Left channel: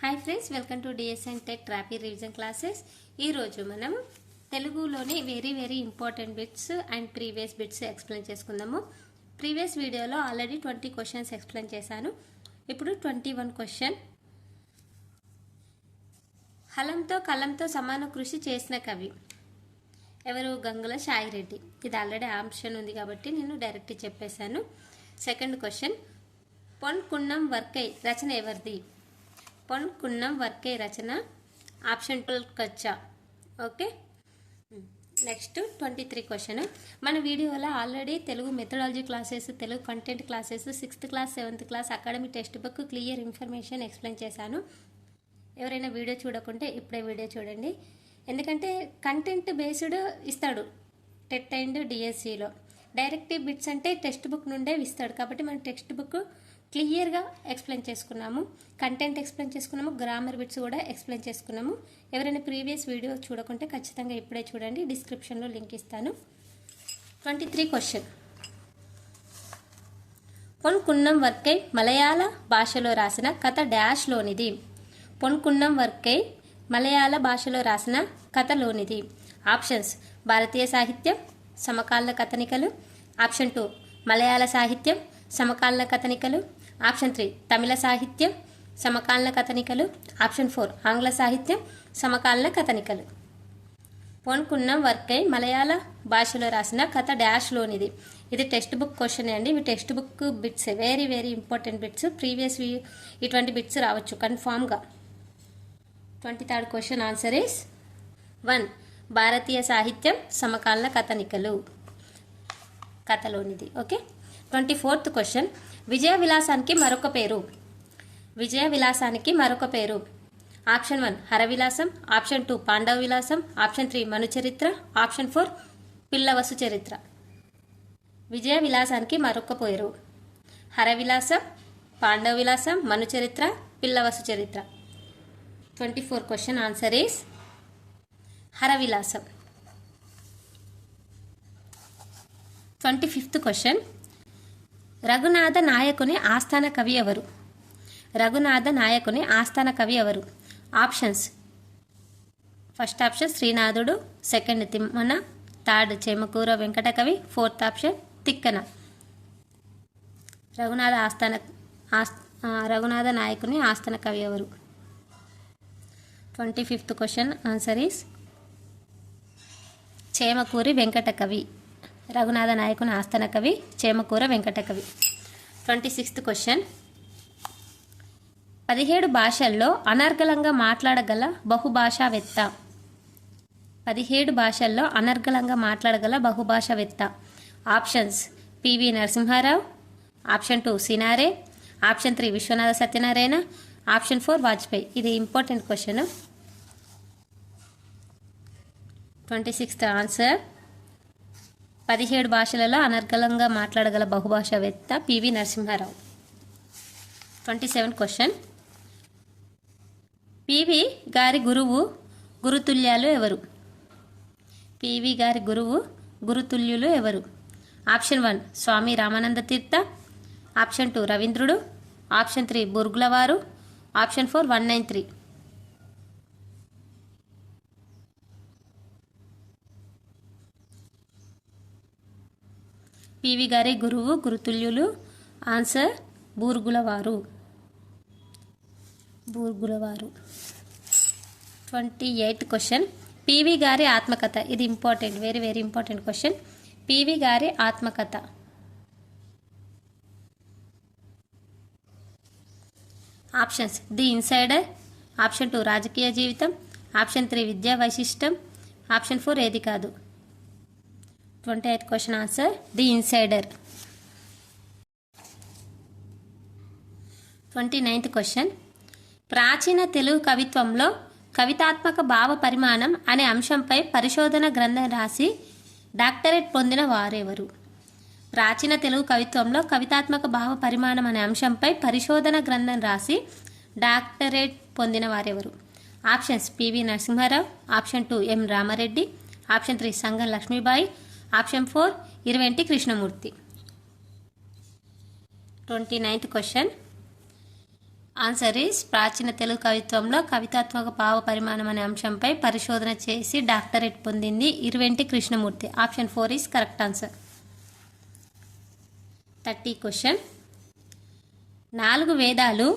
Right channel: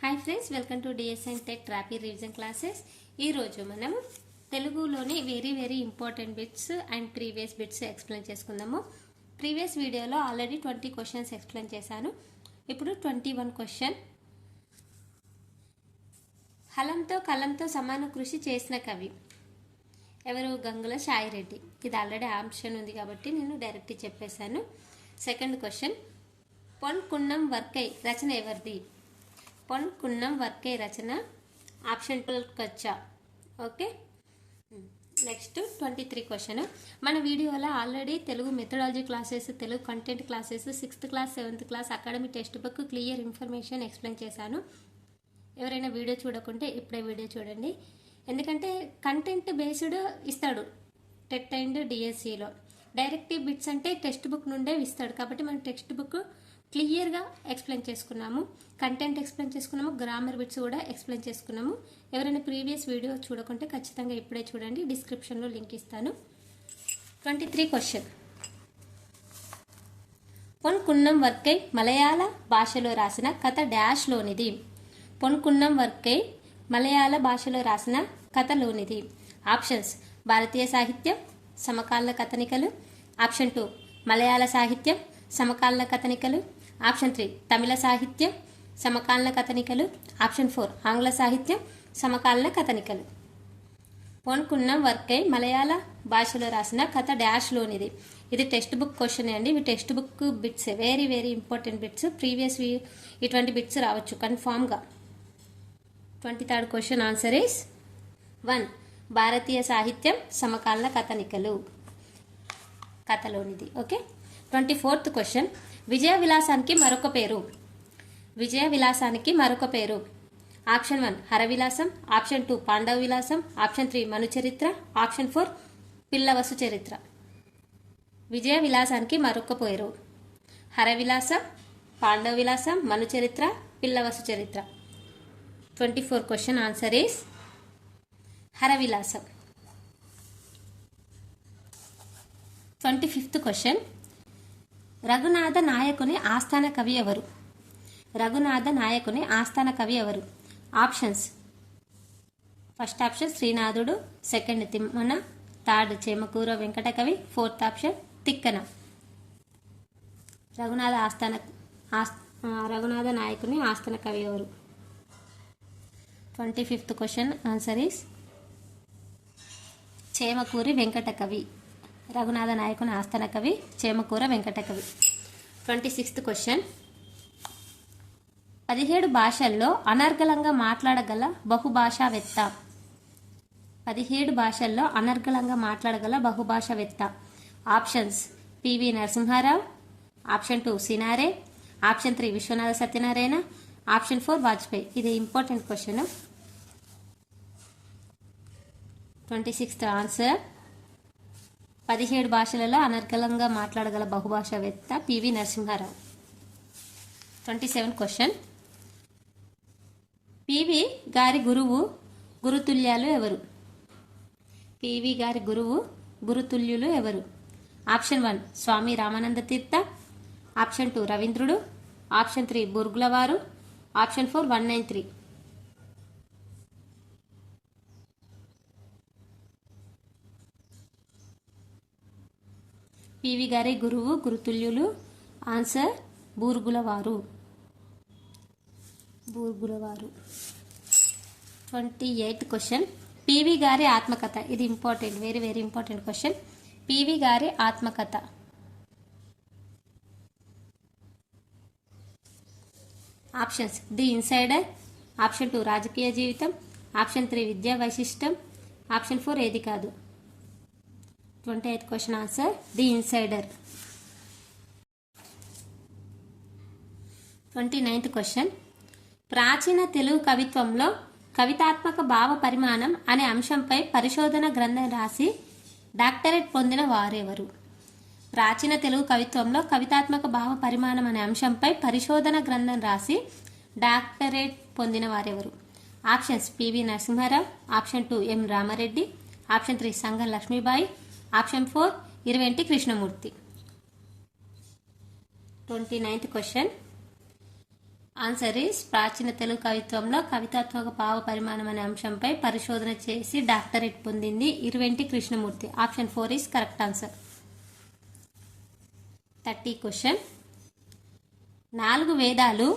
Hi friends, welcome to DSN tech rapid revision classes. ఈరోజు మనం తెలుగులోని very important bits and previous bits explain చేసుకుందాము. Previous వీడియోలో already 20 questions explain చేశాను. ఇప్పుడు 21 క్వశ్చన్. హలంతో కలంతో సమాన కృషి చేసిన కవి ఎవరు? గంగుల సాయిరెడ్డి. ఇది ఆల్రెడీ ఆప్షన్ ఉంది కాబట్టి నేను డైరెక్ట్ చెప్పేశాను. సెకండ్ క్వశ్చన్, పొన్ కున్నం వర్కై రచన ఎవరిది? పొన్ కున్నం వర్కై రచన ఆప్షన్ 12 కచ్చా. Okay, next 23 question. మన వీడియోలో already Telugu methodology classes, Telugu content classes, 6th class 7th class academic text book clear information explain చేశాను. ఎవరైనా వీడియో చూడకుంటే ఇప్పుడే వీడియో చూడండి. ఎందుకంటే కంటెంట్ బేస్డ్ ఇస్తాడు టెట్ అండ్ డిఎస్సిలో. డైరెక్టివ్ బిట్స్ అంటే టెక్స్ట్ బుక్ నుండే ఇస్తాడు కాబట్టి మనం టెక్స్ట్ బుక్ క్లియర్గా ఎక్స్ప్లెయిన్ చేసుకున్నాము, కంటెంట్ ఎక్స్ప్లెయిన్ చేసుకున్నాము, గ్రామర్ బిట్స్ కూడా ఎక్స్ప్లెయిన్ చేసుకున్నాము. ఎవరైనా ప్రీవియస్ వీడియో చూడకుంటే ఖచ్చితంగా ఇప్పుడే చూడండి, డిస్క్రిప్షన్లో లింక్ ఇస్తాను. 23 క్వశ్చన్, పొన్ కున్నం వర్కై మలయాళ భాషలో రాసిన కథ డాష్లోనిది? పొన్ కున్నం వర్కై మలయాళ భాషలో రాసిన కథలోనిది? ఆప్షన్స్: భారతీయ సాహిత్యం, సమకాలీన కథనికలు. ఆప్షన్ 2 మలయాళ సాహిత్యం, సమకాలీన కథనికలు. ఆప్షన్ 3 తమిళ సాహిత్యం, సమకాలీన కథనికలు. ఆప్షన్ 4 ఆంగ్ల సాహిత్యం, సమకాలీన కథనికలు. పొన్ కున్నం వర్కై మలయాళ భాషలో రాసిన కథ డాష్లోనిది. ఇది టెక్స్ట్ బుక్ క్వశ్చన్ అండి. ఇవి text book bits, very important bits. Previous ఇటువంటి బిట్స్ రావచ్చు కన్ఫామ్గా. 23rd క్వశ్చన్ ఆన్సర్ ఈస్ 1 భారతీయ సాహిత్యం, సమకాలీన కథనికలు కథలోనిది. ఓకే. 24th క్వశ్చన్, విజయ విలాసానికి మరొక పేరు? విజయ విలాసానికి మరొక పేరు? ఆప్షన్ 1 హరవిలాసం, ఆప్షన్ 2 పాండవ విలాసం, ఆప్షన్ 3 మను చరిత్ర, ఆప్షన్ 4 పిల్లవసు చరిత్ర. విజయ విలాసానికి మరొక పేరు: హరవిలాసం, పాండవ విలాసం, మను చరిత్ర, పిల్లవసు చరిత్ర. 24 question answer is Haravilasam. 25th question, Raghunatha నాయకుని ఆస్థాన కవి ఎవరు? రఘునాథ నాయకుని ఆస్థాన కవి ఎవరు? ఆప్షన్స్: ఫస్ట్ ఆప్షన్ శ్రీనాథుడు, second Timmana, third Chemakura Venkata Kavi, fourth option Tikkana. Raghunatha నాయకుని ఆస్థాన కవి ఎవరు? 25th question answer is Chemakuri Venkata Kavi. Raghunatha నాయకుని ఆస్థాన కవి చేమకూర వెంకట కవి. 26th క్వశ్చన్, 17 భాషల్లో అనర్గళంగా మాట్లాడగల బహుభాషావేత్త? 17 భాషల్లో అనర్గళంగా మాట్లాడగల బహుభాషావేత్త. Options: PV Narasimha Rao, option 2 Sinare, option 3 Vishwanatha Satyanarayana, option 4 Vajpayee. ఇది ఇంపార్టెంట్ క్వశ్చన్. 26th ఆన్సర్ 17 భాషలలో అనర్గళంగా మాట్లాడగల బహుభాషావేత్త పివి నరసింహారావు. 27th క్వశ్చన్, పివి గారి గురువు గురుతుల్యాలు ఎవరు? పివి గారి గురువు గురుతుల్యులు ఎవరు? ఆప్షన్ 1 స్వామి రామానంద తీర్థ, ఆప్షన్ 2 రవీంద్రుడు, ఆప్షన్ 3 బుర్గులవారు, ఆప్షన్ 4 193. పివి గారి గురువు గురుతుల్యులు. ఆన్సర్ బూర్గులవారు. 28th క్వశ్చన్, పివి గారి ఆత్మకథ. ఇది important, very important question. PV గారి ఆత్మకథ. ఆప్షన్స్: ది ఇన్సైడర్, ఆప్షన్ 2 రాజకీయ జీవితం, ఆప్షన్ 3 విద్యా వైశిష్టం, ఆప్షన్ 4 ఏది కాదు. 28th question answer the insider. 29th question, ప్రాచీన తెలుగు కవిత్వంలో కవితాత్మక భావ పరిమాణం అనే అంశంపై పరిశోధన గ్రంథం రాసి డాక్టరేట్ పొందిన వారెవరు? ప్రాచీన తెలుగు కవిత్వంలో కవితాత్మక భావ పరిమాణం అనే అంశంపై పరిశోధన గ్రంథం రాసి డాక్టరేట్ పొందిన వారెవరు? Options: PV Narasimha Rao, option 2 M Rama Reddy, option 3 Sangam Lakshmibai, option 4 Iruventi Krishnamurthy. 29th question, answer is ప్రాచీన తెలుగు కవిత్వంలో కవితాత్మక భావ పరిమాణం అనే అంశంపై పరిశోధన చేసి డాక్టరేట్ పొందింది Iruventi Krishnamurthy. Option 4 is correct answer. 30 question. 4 వేదాలు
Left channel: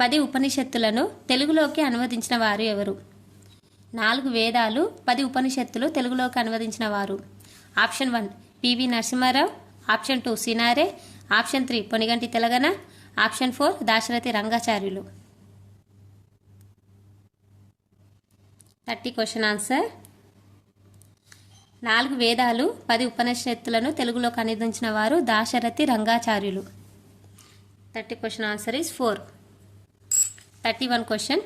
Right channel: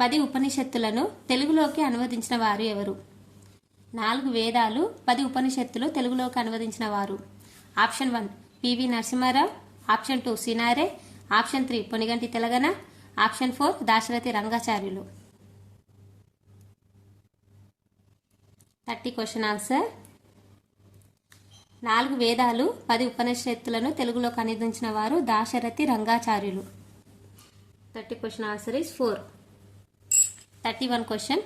10 ఉపనిషత్తులను తెలుగులోకి అనువదించిన వారు ఎవరు? 4 వేదాలు 10 ఉపనిషత్తులు తెలుగులోకి అనువదించిన వారు. Option 1 PV Narasimha Rao, option 2 Sinare, option 3 Ponnaganti Telagana, option 4 Dasarathi Rangacharyulu. 30 question answer. 4 వేదాలు 10 ఉపనిషత్తులను తెలుగులోకి అనువదించిన వారు Dasarathi Rangacharyulu. 30 question answer is 4. 31 question.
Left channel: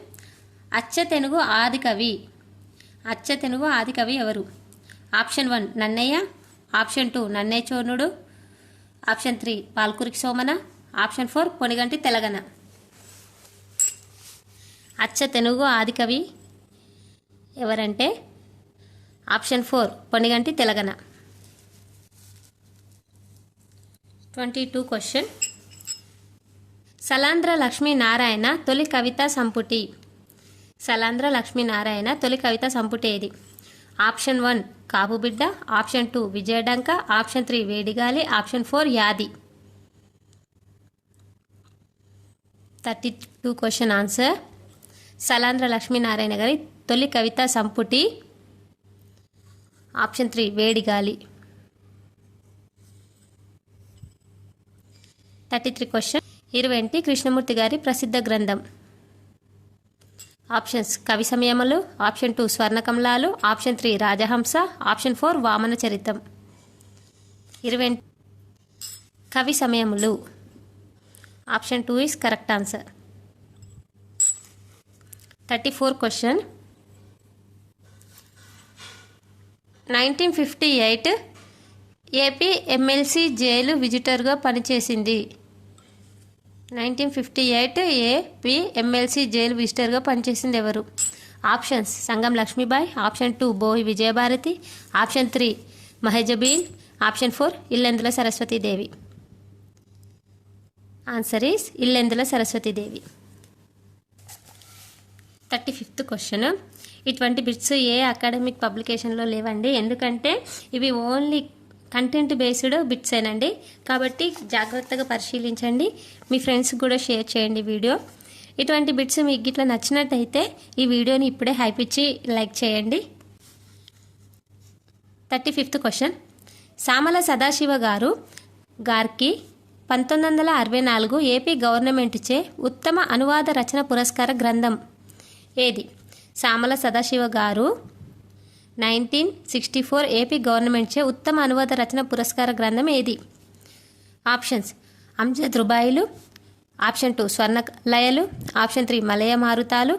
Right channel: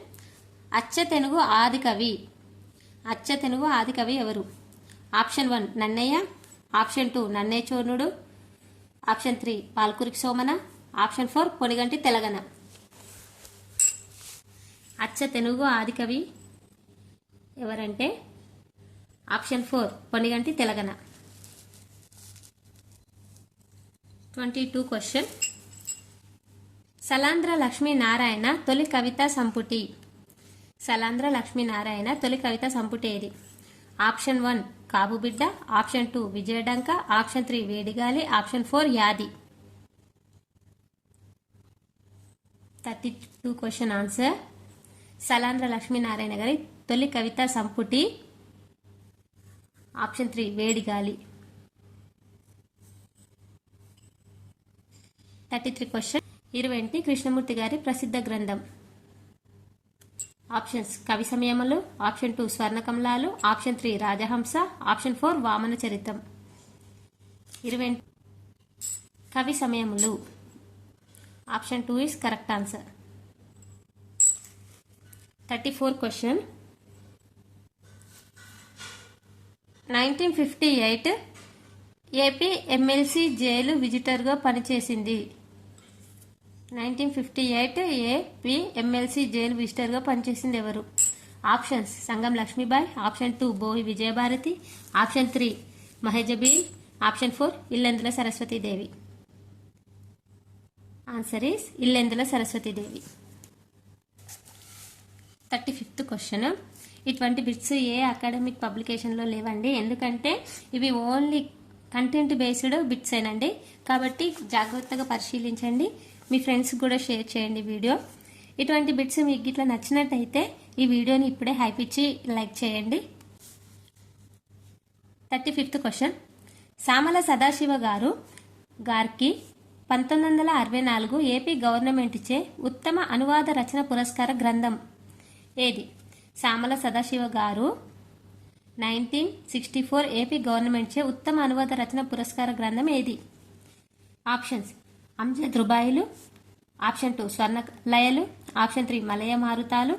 అచ్చతెనుగు ఆది కవి ఎవరు? ఆప్షన్ 1 నన్నయ్య, ఆప్షన్ 2 నన్నేచోనుడు, ఆప్షన్ 3 పాల్కురికి సోమన, ఆప్షన్ 4 పొనిగంటి తెలగన. అచ్చ తెలుగు ఆది కవి ఎవరంటే ఆప్షన్ 4 పొనిగంటి తెలగన. 22 క్వశ్చన్. సలాంధ్ర లక్ష్మీనారాయణ తొలి కవితా సంపుటి ఏది? ఆప్షన్ 1 కాబుబిడ్డ, ఆప్షన్ 2 విజయడంక, ఆప్షన్ 3 వేడిగాలి, ఆప్షన్ 4 యాది. 32 క్వశ్చన్ ఆన్సర్. సలాంధ్ర లక్ష్మీనారాయణ గారి తొలి కవితా సంపుటి ఆప్షన్ 3 వేడిగాలి. 33 క్వశ్చన్. ఇరువెంటి కృష్ణమూర్తి గారి ప్రసిద్ధ గ్రంథం. ఆప్షన్స్ కవి సమయములు, ఆప్షన్ 2 స్వర్ణకమలాలు, ఆప్షన్ 3 రాజహంస, ఆప్షన్ 4 వామన చరితం. ఇరువెంటి కవి సమయములు option 2 is correct answer. 34 question. 1958 AP MLC jail విజిటర్గా పనిచేసింది. 1958 ఏపీ ఎమ్మెల్సీ జైలు విజిటర్గా పనిచేసింది ఎవరు? Options Sangam Lakshmibai, option 2 Boyi Vijayabharati, option 3 Mahajabeen, option 4 Illendula Saraswatidevi. Answer is Illendula Saraswatidevi. 35th question. ఇటువంటి బిట్స్ ఏ అకాడమిక్ పబ్లికేషన్లో లేవండి, ఎందుకంటే ఇవి ఓన్లీ కంటెంట్ బేస్డ్ బిట్స్ ఏనండి. కాబట్టి జాగ్రత్తగా పరిశీలించండి, మీ ఫ్రెండ్స్ కూడా షేర్ చేయండి వీడియో. ఇటువంటి బిట్స్ మీకు ఇట్లా నచ్చినట్టయితే ఈ వీడియోని ఇప్పుడే హైప్ ఇచ్చి లైక్ చేయండి. 35th question. సామల సదాశివ గారికి 1964 ఏపీ గవర్నమెంట్చే ఉత్తమ అనువాద రచన పురస్కార గ్రంథం ఏది? సామల సదాశివ గారు 1964 ఏపీ గవర్నమెంట్చే ఉత్తమ అనువాద రచన పురస్కార గ్రంథం ఏది? ఆప్షన్స్ అంజద్ రుబాయిలు, ఆప్షన్ 2 స్వర్ణ లయలు, ఆప్షన్ 3 మలయ మారుతాలు,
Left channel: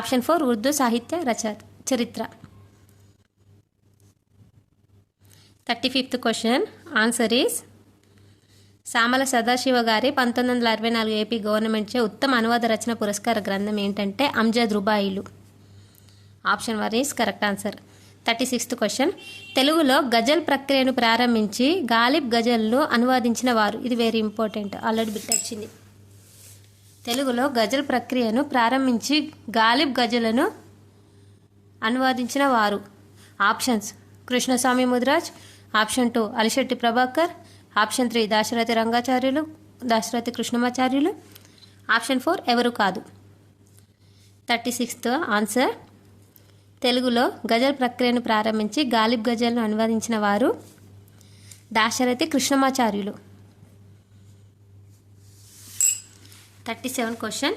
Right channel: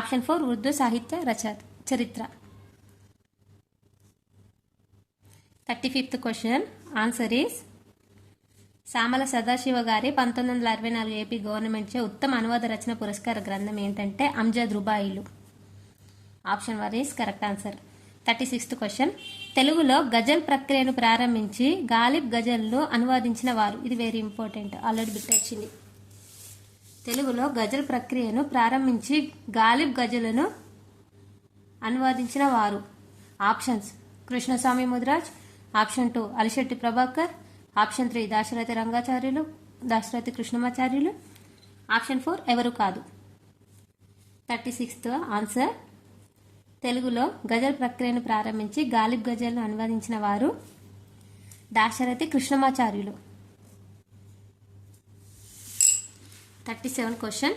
ఆప్షన్ 4 ఉర్దూ సాహిత్య చరిత్ర. 35th question answer is Samala Sadasiva గారి 1964 ఏపీ గవర్నమెంట్చే ఉత్తమ అనువాద రచన పురస్కార గ్రంథం ఏంటంటే అంజద్ రుబాయిలు. Option 1 is correct answer. 36th question. తెలుగులో గజల్ ప్రక్రియను ప్రారంభించి గాలిబ్ గజల్ను అనువాదించిన వారు. ఇది వెరీ ఇంపార్టెంట్, ఆల్రెడీ బిట్ వచ్చింది. తెలుగులో గజల్ ప్రక్రియను ప్రారంభించి గాలిబ్ గజలను అనువాదించిన వారు. Options Krishnaswamy Mudiraj, option 2 Alishetti Prabhakar, option 3 Dasarathi Krishnamacharyulu, option 4 ఎవరు కాదు. 36th answer. తెలుగులో గజల్ ప్రక్రియను ప్రారంభించి గాలిబ్ గజల్ను అనువదించిన వారు దాశరథి కృష్ణమాచార్యులు. 37 క్వశ్చన్.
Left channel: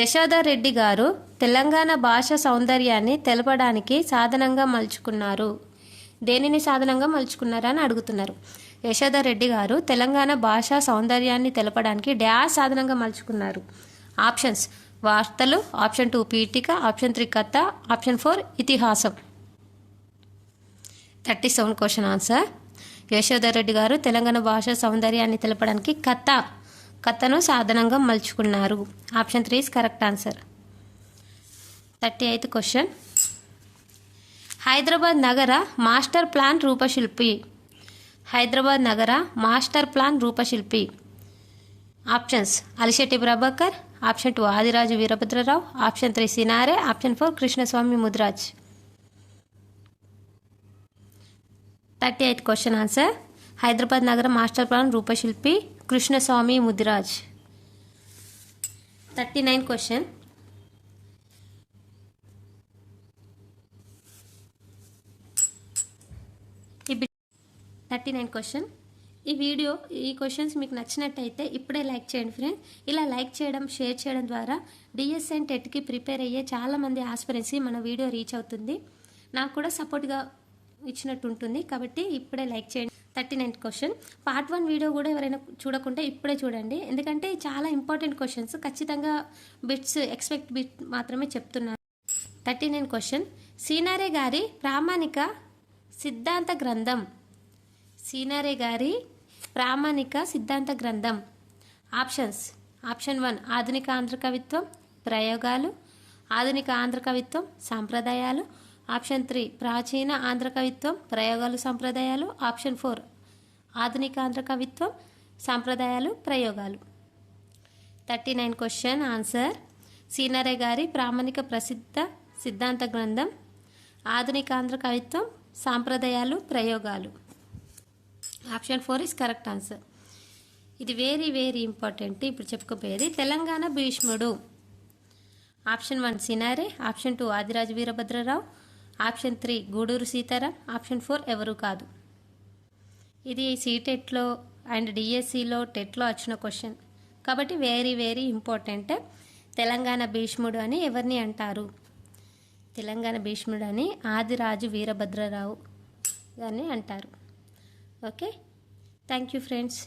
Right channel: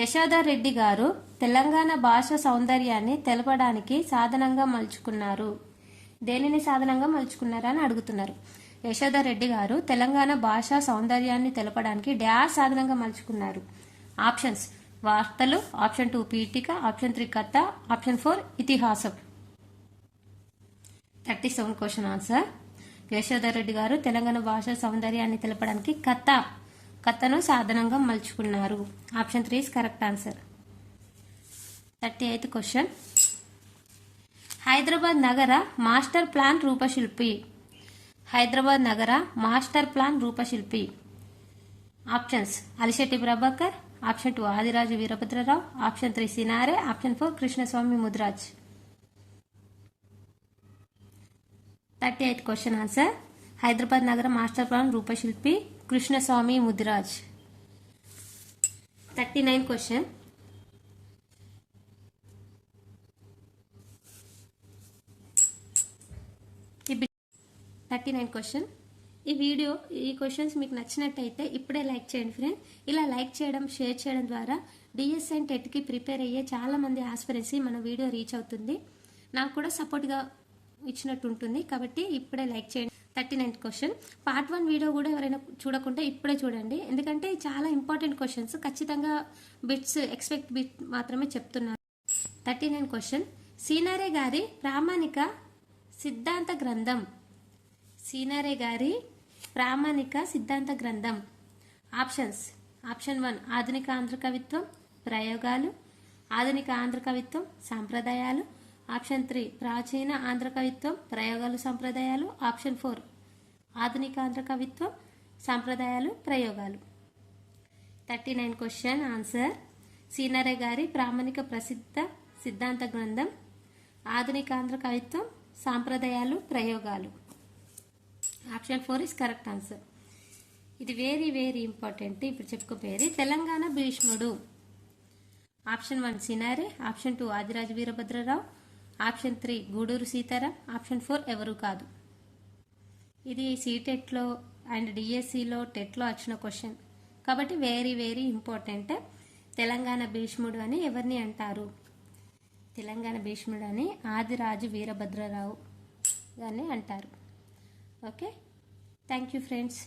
యశోదారెడ్డి గారు తెలంగాణ భాష సౌందర్యాన్ని తెలపడానికి సాధనంగా మలుచుకున్నారు. దేనిని సాధనంగా మలుచుకున్నారని అడుగుతున్నారు. యశోదారెడ్డి గారు తెలంగాణ భాషా సౌందర్యాన్ని తెలపడానికి డ్యాష్ సాధనంగా మలుచుకున్నారు. ఆప్షన్స్ వార్తలు, ఆప్షన్ 2 పీఠిక, ఆప్షన్ 3 కథ, ఆప్షన్ 4 ఇతిహాసం. 37 క్వశ్చన్ ఆన్సర్. యశోదారెడ్డి గారు తెలంగాణ భాషా సౌందర్యాన్ని తెలపడానికి కథను సాధనంగా మలుచుకున్నారు. Option 3 is correct answer. 38th question. Hyderabad నగర మాస్టర్ ప్లాన్ రూపశిల్పి. Options Alishetti Prabhakar, option 2 Adiraju Veerabhadra Rao, option 3 Sinare, option 4 Krishnaswamy Mudiraj. 38th question answer Hyderabad నగర మాస్టర్ ప్లాన్ రూపశిల్పి Krishnaswamy Mudiraj. 39th question 39th question ఈ క్వశ్చన్స్ మీకు నచ్చినట్టయితే ఇప్పుడే లైక్ చేయండి ఫ్రెండ్స్. ఇలా లైక్ చేయడం, షేర్ చేయడం ద్వారా డిఎస్సి అండ్ టెట్కి ప్రిపేర్ అయ్యే చాలామంది ఆస్పిరెంట్స్కి మన వీడియో రీచ్ అవుతుంది. నాకు కూడా సపోర్ట్గా ఇచ్చినట్టు ఉంటుంది. కాబట్టి ఇప్పుడే లైక్ చేయండి. 39th క్వశ్చన్ పార్ట్ 1 వీడియో కూడా ఎవరైనా చూడకుంటే ఇప్పుడే చూడండి. ఎందుకంటే చాలా ఇంపార్టెంట్ క్వశ్చన్స్, ఖచ్చితంగా బిట్స్ ఎక్స్పెక్ట్ బిట్ మాత్రమే చెప్తున్నాను. 39th క్వశ్చన్ సినారే గారి ప్రామాణిక సిద్ధాంత గ్రంథం. సినారే గారి ప్రామాణిక సిద్ధాంత గ్రంథం. ఆప్షన్స్ ఆప్షన్ 1 ఆధునిక ఆంధ్ర కవిత్వం ప్రయోగాలు, ఆధునిక ఆంధ్ర కవిత్వం సాంప్రదాయాలు, ఆప్షన్ 3 ప్రాచీన ఆంధ్ర కవిత్వం ప్రయోగాలు సంప్రదాయాలు, ఆప్షన్ 4 ఆధునిక ఆంధ్ర కవిత్వం సాంప్రదాయాలు ప్రయోగాలు. 39th క్వశ్చన్ ఆన్సర్ సినారే గారి ప్రామాణిక ప్రసిద్ధ సిద్ధాంత గ్రంథం, ఆధునిక ఆంధ్ర కవిత్వం సాంప్రదాయాలు ప్రయోగాలు. Option 4 is correct answer. ఇది వెరీ వెరీ ఇంపార్టెంట్. ఇప్పుడు చెప్పుకోపోయేది తెలంగాణ భీష్ముడు. Option 1 Cinare, option 2 Adiraju Veerabhadra Rao, option 3 Guduru Seetharam, option 4 ఎవరు కాదు. ఇది సీటెట్లో అండ్ డిఎస్సిలో టెట్లో వచ్చిన క్వశ్చన్ కాబట్టి వెరీ వెరీ ఇంపార్టెంట్. తెలంగాణ భీష్ముడు అని ఎవరిని అంటారు? తెలంగాణ భీష్ముడు అని ఆదిరాజు వీరభద్రరావు అని అంటారు. Okay, thank you friends.